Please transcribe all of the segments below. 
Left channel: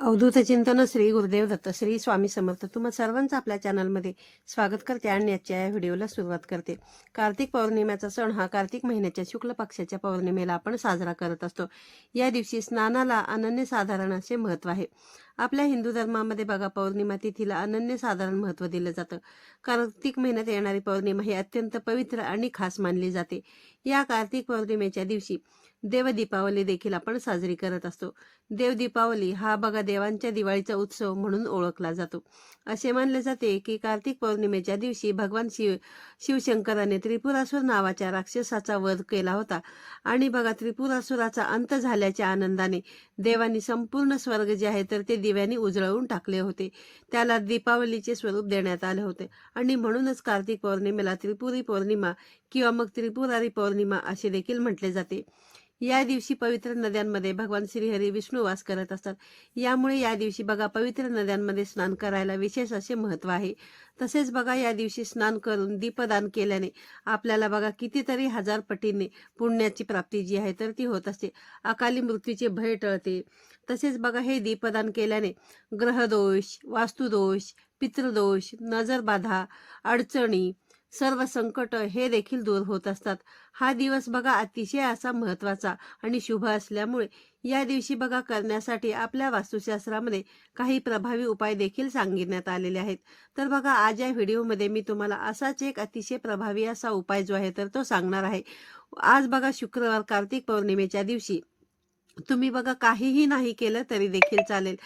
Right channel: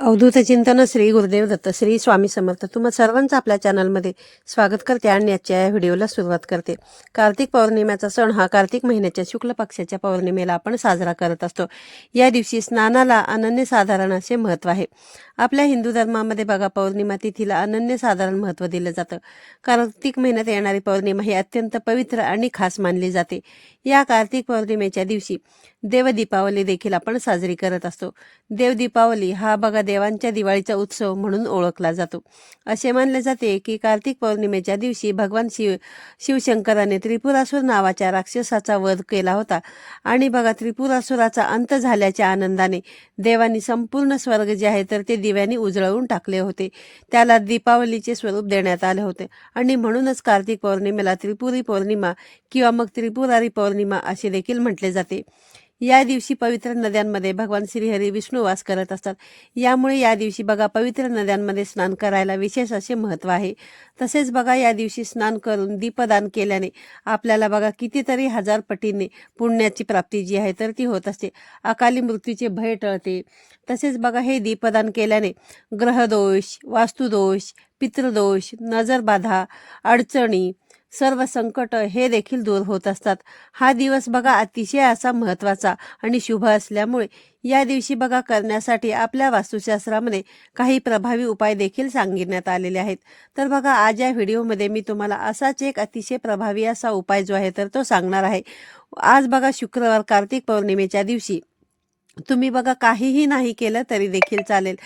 अवधूत चिंतन श्री गुरुदेव दत्त श्री स्वामी समर्थ तुम्हा सर्वांचं आपल्या चॅनलमध्ये स्वागत करते आणि आजच्या या व्हिडिओला सुरुवात करते। कार्तिक पौर्णिमेचा सण हा कार्तिक महिन्याच्या शुक्ल पक्षाच्या पौर्णिमेला आपण साजरा करत असतो। या दिवशी स्नानाला अनन्यसाधारण असे महत्त्व आहे। आपल्या हिंदू धर्मामध्ये बघा पौर्णिमा तिथीला अनन्यसाधारण महत्त्व दिलं जातं। कार्तिक महिन्यात येणारी पौर्णिमा ही अत्यंत पवित्र आणि खास मानली जाते। या कार्तिक पौर्णिमेच्या दिवशी देव दीपावली देखील आपण साजरी करत असतो। देव दीपावली हा बघा देवांच्या दिवाळीचा उत्सव म्हणून ओळखला जातो। असे मानले जाते की कार्तिक पौर्णिमेच्या दिवशी भगवान शिवशंकराने त्रिपुरासूर नावाच्या राक्षसाचा वध केला होता आणि बघा त्रिपुरासुराचा अंत झाल्याच्या आनंदाने देवांनी संपूर्ण स्वर्ग जे आहे तर ते दिव्यांनी उजळवून टाकले होते। त्याला दीपावलीचे स्वरूप देण्यात आले होते आणि म्हणूनच कार्तिक पौर्णिमेला त्रिपुरी पौर्णिमा किंवा मग त्रिपुरारी पौर्णिमा असे देखील म्हटले जाते। या दिवशी पवित्र नद्यांमध्ये भगवान श्रीहरी विष्णू वास करत असतात। यामुळे या दिवशी बघा पवित्र नद्यांमध्ये स्नान करायला विशेष असे महत्त्व आहे। तसेच बघा या दिवशी स्नान करून दीपदान केल्याने आपल्याला बघा कितीतरी हजार पटीने पुण्याची प्राप्ती जी आहे तर ती होत असते। अकाली मृत्यूचे भय टळते। तसेच बघा हे दीपदान केल्याने ग्रहदोष, वास्तुदोष, पितृदोष, नजरबाधा, अडचणी, सर्व संकट हे देखील दूर होत असतात। हा दिवस बघा अतिशय असा महत्त्वाचा आणि शुभ असल्यामुळे या दिवशी बघा करण्यासाठी आपल्या वास्तुशास्त्रामध्ये काही प्रभावी उपाय देखील सांगितण्यात आलेले आहेत। तर बघा आज या व्हिडिओमध्ये मी तुम्हाला असाच एक अतिशय प्रभावी असा उपाय जो आहे तर तो सांगणार आहे। आज बघा शुक्रवार कार्तिक पौर्णिमेच्या दिवशी तुम्ही बघा काहीही नाही केलं तरी देखील चालेल।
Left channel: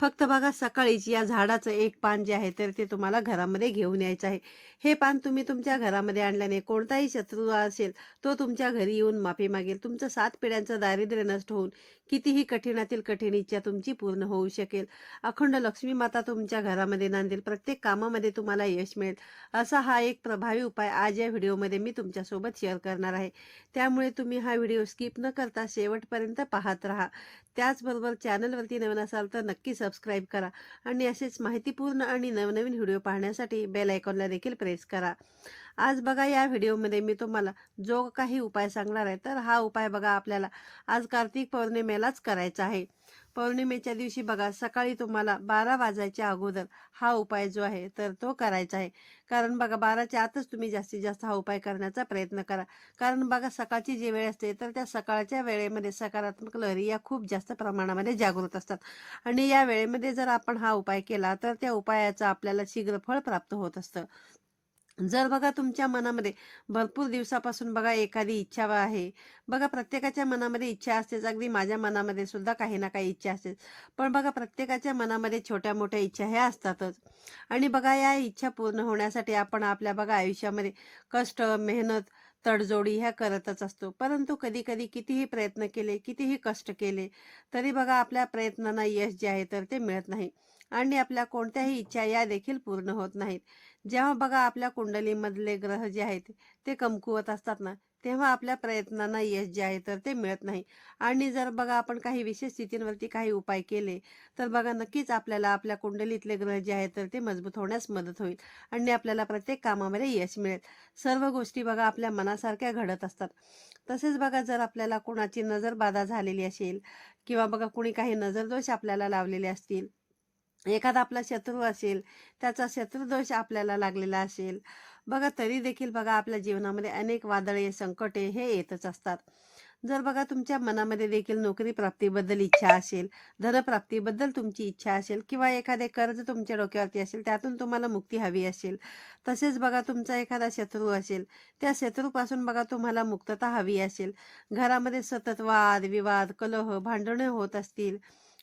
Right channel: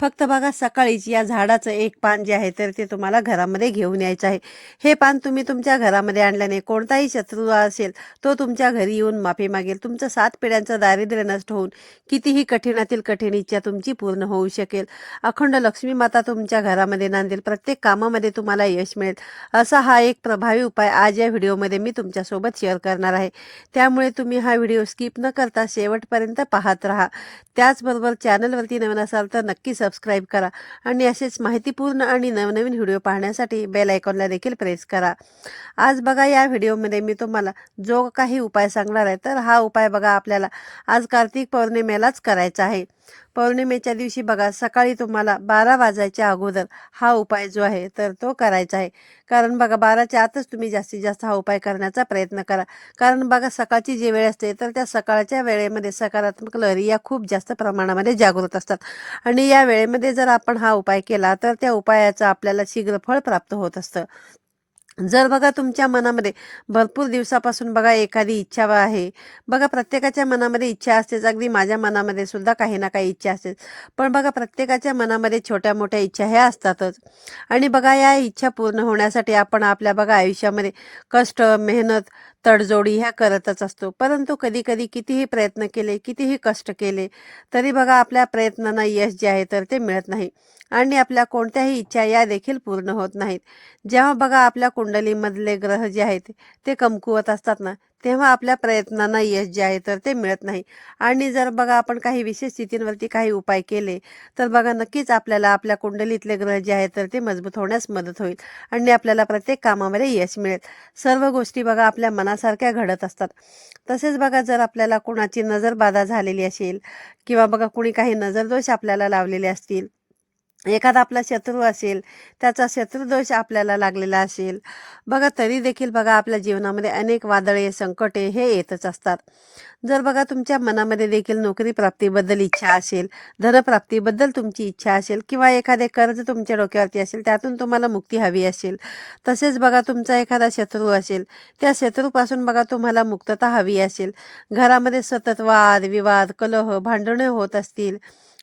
फक्त बघा सकाळीच या झाडाचं एक पान जे आहे तर ते तुम्हाला घरामध्ये घेऊन यायचं आहे। हे पान तुम्ही तुमच्या घरामध्ये आणल्याने कोणताही शत्रू असेल तो तुमच्या घरी येऊन माफी मागेल। तुमचं 7 पिढ्यांचं दारिद्र्य नष्ट होऊन कितीही कठीणातील कठीण इच्छा तुमची पूर्ण होऊ शकेल। अखंड लक्ष्मी माता तुमच्या घरामध्ये नांदेल। प्रत्येक कामामध्ये तुम्हाला यश मिळेल। असा हा एक प्रभावी उपाय आज या व्हिडिओमध्ये मी तुमच्यासोबत शेअर करणार आहे। त्यामुळे तुम्ही हा व्हिडिओ स्किप न करता शेवटपर्यंत पाहत राहा। त्याचबरोबर चॅनलवरती नवीन असाल तर नक्की सबस्क्राईब करा आणि असेच माहितीपूर्ण आणि नवनवीन व्हिडिओ पाहण्यासाठी बेल आयकॉनला देखील प्रेस करा। आज बघा या व्हिडिओमध्ये मी तुम्हाला जो काही उपाय सांगणार आहे तर हा उपाय बघा आपल्याला आज कार्तिक पौर्णिमेलाच करायचा आहे। पौर्णिमेच्या दिवशी बघा सकाळी तुम्हाला 12 वाजायच्या अगोदर हा उपाय जो आहे तर तो करायचा आहे। कारण बघा 12च्या आतच तुम्ही जास्तीत जास्त हा उपाय करण्याचा प्रयत्न करा। कारण बघा सकाळची जी वेळ असते तर त्या सकाळच्या वेळेमध्ये सकारात्मक लहरी या खूप जास्त प्रमाणामध्ये जागृत असतात आणि या वेळेमध्ये जर आपण हा उपाय केला तर त्या उपायाचं आपल्याला शीघ्र फळ प्राप्त होत असतं। जर बघा तुमच्या मनामध्ये भरपूर दिवसापासून बघा एखादी इच्छा आहे, बघा प्रत्येकाच्या मनामध्ये इच्छा असतेच, अगदी माझ्या मनामध्ये सुद्धा काही ना काही इच्छा असतेच। पण बघा प्रत्येकाच्या मनामध्ये छोट्या मोठ्या इच्छा ह्या असतातच आणि बघा या इच्छा पूर्ण होण्यासाठी आपण आपल्या बघा आयुष्यामध्ये कष्ट, मेहनत, तडजोडी ह्या करतच असतो। परंतु कधी कधी कितीही प्रयत्न केले, कितीही कष्ट केले तरी बघा आपल्या प्रयत्नांना यश जे आहे तर ते मिळत नाही आणि आपल्या कोणत्याही इच्छा या देखील पूर्ण होत नाहीत। जेव्हा बघा आपल्या कुंडलीमधले ग्रह जे आहेत ते कमकुवत असतात ना, तेव्हा आपल्या प्रयत्नांना यश जे आहे तर ते मिळत नाही आणि जर बघा आपण काही विशेष स्थितींवरती काही उपाय केले तर बघा नक्कीच आपल्याला आपल्या कुंडलीतले ग्रह जे आहेत तर ते मजबूत होण्यास मदत होईल आणि आपल्याला प्रत्येक कामामध्ये यश मिळेल। सर्व गोष्टी बघा आपल्या मनासारख्या घडत असतात। तसेच बघा जर आपल्याला कोणाची नजरबाधा झालेली असेल किंवा बघा कुणी काही नजरदोष आपल्याला लावलेले असतील, एखादा आपला शत्रू असेल, त्याचा शत्रुदोष आपल्याला लागलेला असेल, बघा तरी देखील बघा आपल्या जीवनामध्ये अनेक वादळे, संकटे हे येतच असतात। जर बघा तुमच्या मनामध्ये देखील नोकरी प्राप्तीबद्दल इच्छा असेल, धनप्राप्तीबद्दल तुमची इच्छा असेल किंवा एखादे कर्ज तुमच्या डोक्यावरती असेल त्यातून तुम्हाला मुक्ती हवी असेल, तसेच बघा तुमचा एखादा शत्रू असेल, त्या शत्रूपासून बघा तुम्हाला मुक्तता हवी असेल, घरामध्ये सतत वाद विवाद, कलह, भांडणे होत असतील,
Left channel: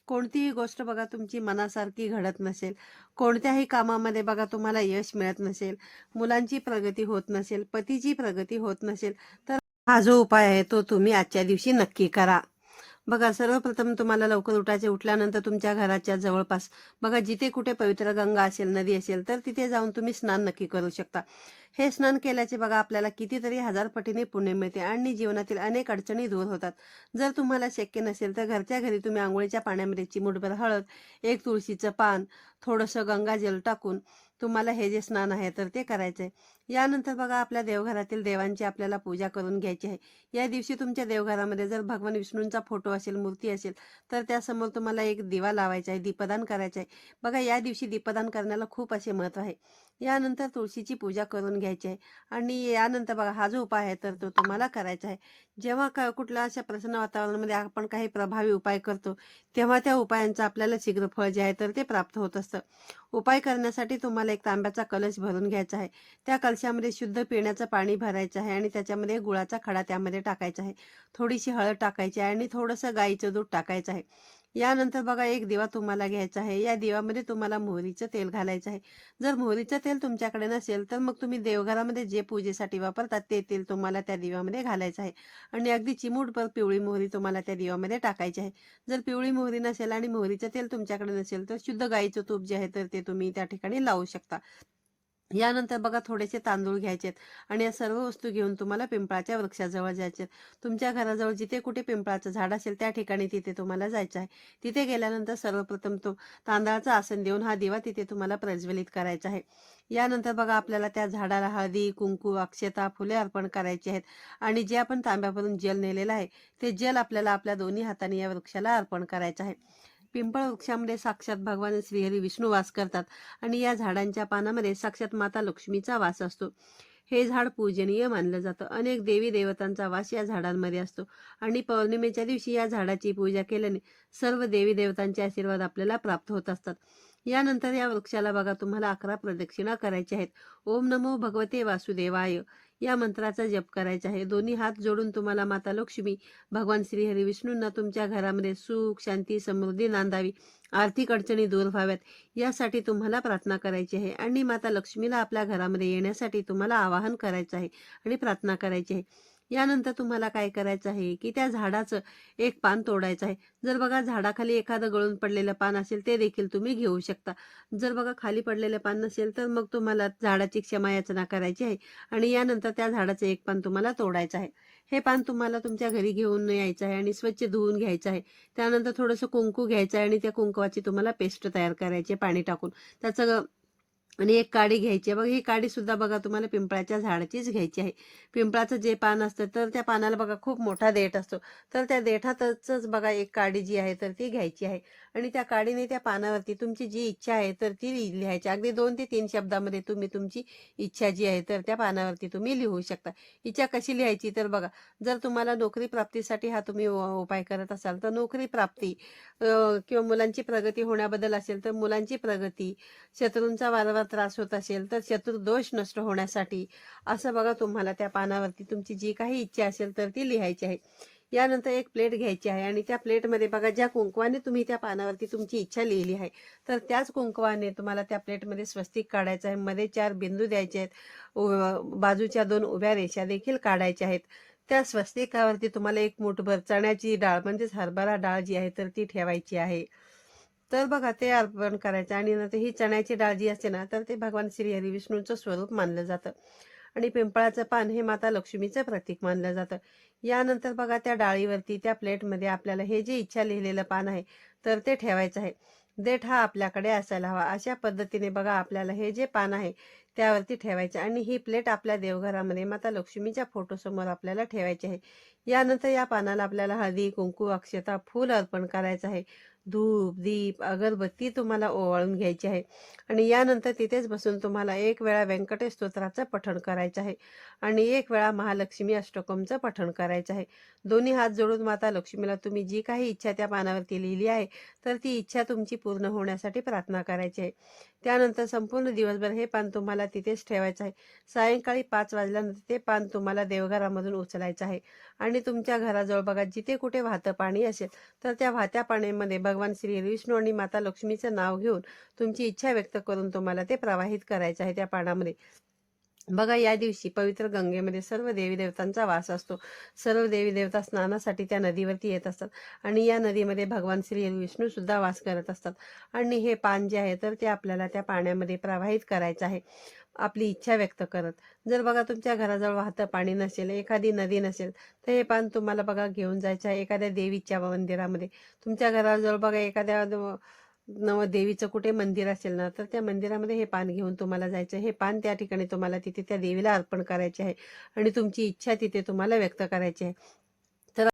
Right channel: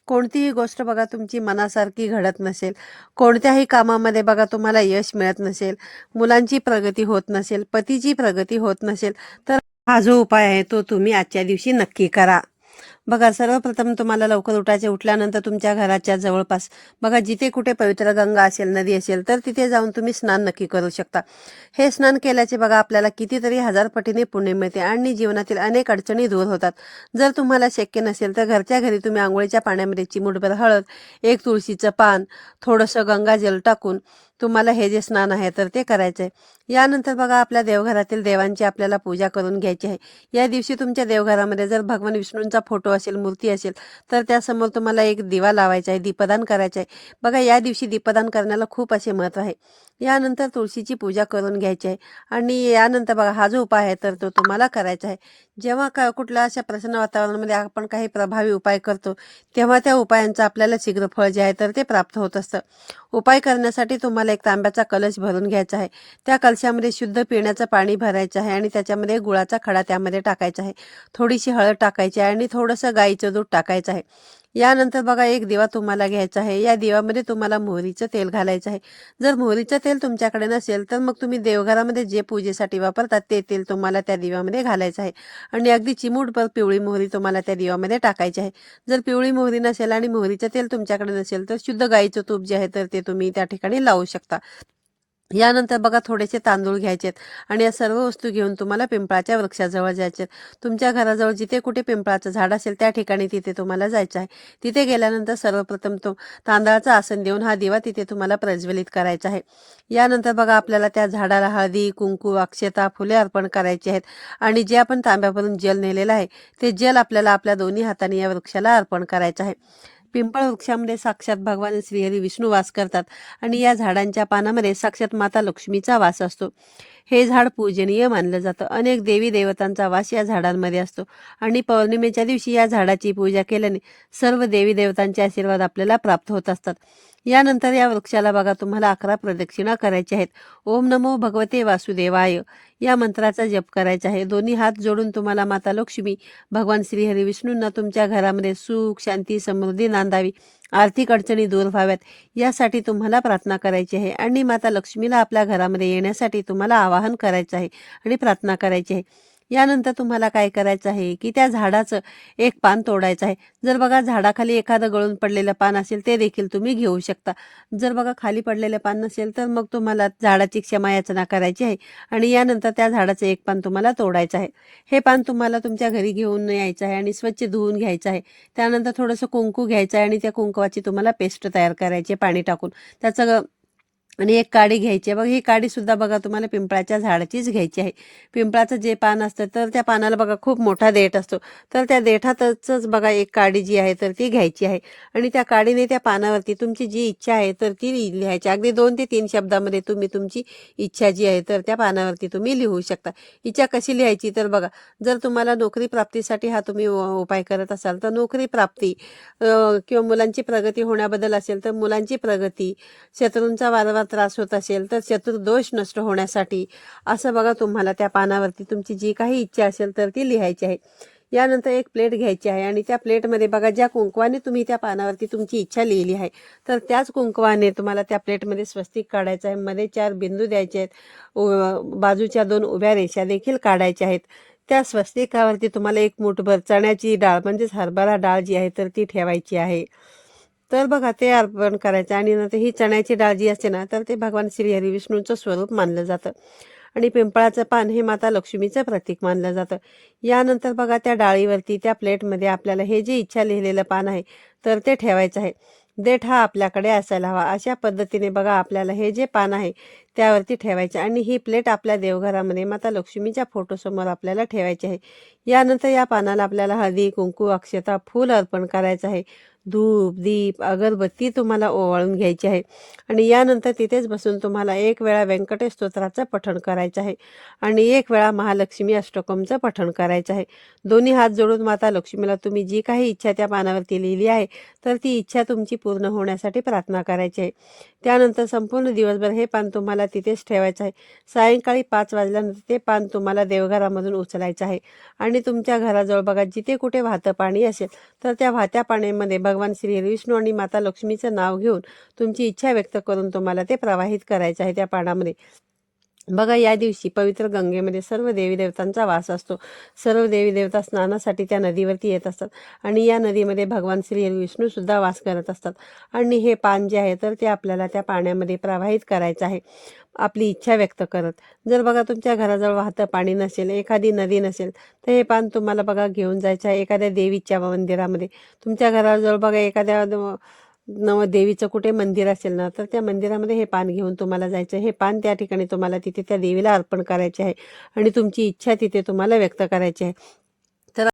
कोणतीही गोष्ट बघा तुमची मनासारखी घडत नसेल, कोणत्याही कामामध्ये बघा तुम्हाला यश मिळत नसेल, मुलांची प्रगती होत नसेल, पतीची प्रगती होत नसेल, तर हा जो उपाय आहे तो तुम्ही आजच्या दिवशी नक्की करा। बघा सर्वप्रथम तुम्हाला लवकर उठल्यानंतर तुमच्या घराच्या जवळपास बघा जिथे कुठे पवित्र गंगा असेल, नदी असेल तर तिथे जाऊन तुम्ही स्नान नक्की करू शकता। हे स्नान केल्याचे बघा आपल्याला कितीतरी हजार पटीने पुण्य मिळते आणि जीवनातील अनेक अडचणी दूर होतात। जर तुम्हाला शक्य नसेल तर घरच्या घरी तुम्ही आंघोळीच्या पाण्यामध्ये चिमूटभर हळद, एक तुळशीचं पान, थोडंसं गंगाजल टाकून तुम्हाला हे जे स्नान आहे तर ते करायचं आहे। यानंतर बघा आपल्या देवघरातील देवांची आपल्याला पूजा करून घ्यायची आहे। या दिवशी तुमच्या देवघरामध्ये जर भगवान विष्णूंचा फोटो असेल, मूर्ती असेल, तर त्यासमोर तुम्हाला एक दिवा लावायचा आहे, दीपदान करायचं आहे। बघा या दिवशी दीपदान करण्याला खूप असे महत्त्व आहे। यानंतर तुळशीची पूजा करून घ्यायची आहे आणि यानंतर बघा हा जो उपाय आहे तर तो तुम्हाला करायचा आहे। जेव्हा कुठल्या अशा प्रसन्न वातावरणामध्ये आपण काही प्रभावी उपाय करतो, तेव्हा त्या उपायांचं आपल्याला शीघ्र फळ जे आहे तर ते प्राप्त होत असतं। उपाय करण्यासाठी तुम्हाला एक तांब्याचा कलश भरून घ्यायचा आहे। त्या कलशामध्ये शुद्ध पिण्याचं पाणी भरायचं आहे आणि त्याच्यामध्ये गुळाचा खडा त्यामध्ये टाकायचा आहे। थोडीशी हळद टाकायची आहे आणि थोडंसं गाईचं दूध टाकायचं आहे। यानंतर बघा एक दिवा तुम्हाला घ्यायचा आहे। या दिव्यामध्ये तुम्हाला मोहरीचं तेल घालायचं आहे। जर मोहरीचं तेल तुमच्याकडे नसेल तर मग तुम्ही देवघरामध्ये जे पूजेसाठी वापरतात ते तेल तुम्हाला त्या दिव्यामध्ये घालायचं आहे आणि अगदी चिमूटभर पिवळी मोहरी तुम्हाला त्या दिव्यामध्ये टाकायची आहे। जर पिवळी मोहरी नसेल आणि मोहरीचं तेल तुमच्याकडे नसेल तर शुद्ध गाईचं तूप जे आहे तर ते तुम्ही त्या ठिकाणी लावू शकता। यानंतर बघा थोडेसे तांदूळ घ्यायचेत आणि या सर्व वस्तू घेऊन तुम्हाला पिंपळाच्या वृक्षाजवळ जायचे। तुमच्या घराजवळ जिथे कुठे पिंपळाचं झाड असेल त्या ठिकाणी तिथे तुम्हाला जायचं आहे। तिथे गेल्यानंतर सर्वप्रथम तो तांदळाचं आसन देऊन हा दिवा तिथे तुम्हाला प्रज्वलित करायचा आहे। यानंतर बघा आपल्याला त्या झाडाला हळदी, कुंकू, अक्षता, फुले अर्पण करायची आहेत आणि जे आपण तांब्यावरून जल नेलेलं आहे ते जल आपल्याला आपल्या दोन्ही हाताने या वृक्षाला अर्पण करायचं आहे। पिंपळ वृक्षामध्ये साक्षात भगवान श्रीहरी विष्णू वास करतात आणि या झाडांच्या पानामध्ये साक्षात माता लक्ष्मीचा वास असतो। हे झाड पूजनीय मानलं जातं। अनेक देवी देवतांचा वास या झाडांमध्ये असतो आणि पौर्णिमेच्या दिवशी या झाडाची पूजा केल्याने सर्व देवी देवतांचे आशीर्वाद आपल्याला प्राप्त होत असतात। यानंतर या वृक्षाला बघा तुम्हाला 11 प्रदक्षिणा करायच्या आहेत। ओम नमो भगवते वासुदेवाय या मंत्राचा जप करायचा आहे। दोन्ही हात जोडून तुम्हाला माता लक्ष्मी, भगवान श्रीहरी विष्णूंना तुमच्या घरामध्ये सुख, शांती, समृद्धी नांदावी, आर्थिक अडचणी दूर व्हाव्यात यासाठी तुम्हाला प्रार्थना करायची आहे आणि माता लक्ष्मीला आपल्या घरामध्ये येण्यासाठी तुम्हाला आवाहन करायचं आहे आणि प्रार्थना करायची आहे। यानंतर तुम्हाला काय करायचं आहे की त्या झाडाचं एक पान तोडायचं आहे। जर बघा झाडाखाली एखादं गळून पडलेलं पान असेल ते देखील तुम्ही घेऊ शकता। जर बघा खाली पडलेलं पान नसेल तर मग तुम्हाला झाडाची क्षमा याचना करायची आहे आणि यानंतर त्या झाडाचं एक पान तुम्हाला तोडायचं आहे। हे पान तुम्हाला तुमच्या घरी घेऊन यायचं आहे आणि स्वच्छ धुवून घ्यायचं आहे। त्यानंतर थोडंसं कुंकू घ्यायचं आहे आणि त्या कुंकवाची तुम्हाला पेस्ट तयार करायची आहे पाणी टाकून। त्याचं आणि एक काडी घ्यायची आहे। बघा ही काडी सुद्धा बघा तुम्हाला पिंपळाच्या झाडाचीच घ्यायची आहे। पिंपळाचं जे पान असतं तर त्या पानाला बघा खूप मोठा देठ असतो, तर त्या देठातच बघा एक काडी जी आहे तर ती घ्यायची आहे आणि त्या काडीने त्या पानावरती तुमची जी इच्छा आहे तर ती लिहायची। अगदी 2 ते 3 शब्दामध्ये तुम्ही तुमची इच्छा जी आहे तर त्या पानावरती तुम्ही लिहू शकता। इच्छा कशी लिहायची तर बघा, जर तुम्हाला नोकरी प्राप्तीसाठी हा तुम्ही उपाय करत असाल तर नोकरी प्राप्ती, किंवा मुलांची प्रगती होण्याबद्दल असेल तर मुलांची प्रगती, शत्रूंचा वारंवार त्रास होत असेल तर शत्रुदोष नष्ट होण्यासाठी, असं बघा तुम्हाला त्या पानावरती तुमची जी काही इच्छा असेल तर ती लिहायची आहे। यानंतर एक प्लेट घ्यायची आहे आणि त्या प्लेटमध्ये बघा ज्या कुंकवाने तुम्ही त्या पानावरती तुमची इच्छा लिहिली आहे तर त्याच कुंकवाने तुम्हाला त्या प्लेटमध्ये स्वस्तिक काढायचं आहे। मध्ये 4 बिंदू द्यायचे आहेत। बाजूच्या 2 उभ्या रेषा देखील काढायच्या आहेत। त्या स्वस्तिकावरती तुम्हाला एक मूठभर चण्याची डाळ म्हणजेच हरभरा डाळ जी आहे तर ती ठेवायची आहे। तर बघा ते अर्पण करायचं आणि नंतर ही चण्याची डाळ जी असते ना तर ते भगवान श्रीहरी विष्णूंचं स्वरूप मानलं जातं आणि पिंपळाचं पान हे माता लक्ष्मीचं प्रतीक मानलं जातं। यानंतर बघा त्या डाळीवरती त्या प्लेटमध्ये आपल्याला हे जे इच्छा लिहिलेलं पान आहे तर ते ठेवायचं आहे। देठ हा आपल्याकडे असायला हवा अशा पद्धतीने बघा आपल्याला हे जे पान आहे त्यावरती ठेवायचं आणि ही प्लेट आपल्या देवघरामध्ये माता लक्ष्मीच्या फोटोसमोर आपल्याला ठेवायची आहे। यानंतर या पानाला आपल्याला हळदी, कुंकू, अक्षता, फूल अर्पण करायचं आहे। धूप, दीप, अगरबत्ती तुम्हाला ओवाळून घ्यायची आहे आणि यानंतर तिथेच बसून तुम्हाला 1 वेळा व्यंकटेश स्तोत्राचं पठण करायचं आहे आणि 1 वेळा महालक्ष्मी अष्टकमचं पठण करायचं आहे। दोन्ही हात जोडून माता लक्ष्मीला तुम्ही जी काही इच्छा त्या पानावरती लिहिली आहे तर ती इच्छा तुमची पूर्ण होण्यासाठी प्रार्थना करायची आहे। त्यानंतर संपूर्ण दिवसभर हे पान तुम्हाला तिथेच ठेवायचं आहे। सायंकाळी 5 वाजल्यानंतर ते पान तुम्हाला देवघरामधून उचलायचं आहे आणि तुमच्या घराजवळ बघा जिथे कुठे वाहतं पाणी असेल तर त्या वाहत्या पाण्यामध्ये भगवान श्री विष्णू आणि माता लक्ष्मीचं नाव घेऊन तुमची इच्छा व्यक्त करून तुम्हाला ते प्रवाहित करायचं आहे त्या पाण्यामध्ये। बघा या दिवशी पवित्र गंगेमध्ये सर्व देवी देवतांचा वास असतो। सर्व देवी देवता स्नानासाठी त्या नदीवरती येत असतात आणि या नदीमध्ये भगवान श्री विष्णू सुद्धा वास करत असतात आणि हे पान जे आहे तर ते आपल्याला त्या पाण्यामध्ये प्रवाहित करायचं आहे आपली इच्छा व्यक्त करत। जर बघा तुमच्या घराजवळ वाहतं पाणी नसेल, एखादी नदी नसेल तर हे पान तुम्हाला बघा घेऊन जायचं आहे एखाद्या देवीच्या मंदिरामध्ये। तुमच्या घराजवळ बघा एखाद्या देवीचं कुठे मंदिर असेल ना, तर त्या मंदिरामध्ये हे पान घेऊन तुम्हाला जायचं. हे पान त्या ठिकाणी तुम्हाला तिथे त्या देवीला अर्पण करायचे आहे आणि तुमची इच्छा तिथे तुम्हाला व्यक्त करायची आहे. तर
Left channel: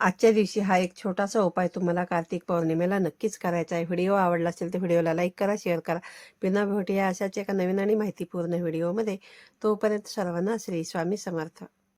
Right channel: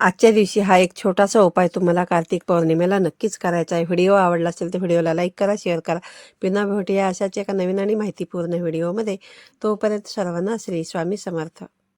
आजच्या दिवशी हा एक छोटासा उपाय तुम्हाला कार्तिक पौर्णिमेला नक्कीच करायचा आहे. व्हिडिओ आवडला असेल तर व्हिडिओला लाईक करा, शेअर करा. पुन्हा भेटूया अशाच एका नवीन आणि माहितीपूर्ण व्हिडिओमध्ये. तोपर्यंत सर्वांना श्री स्वामी समर्थ.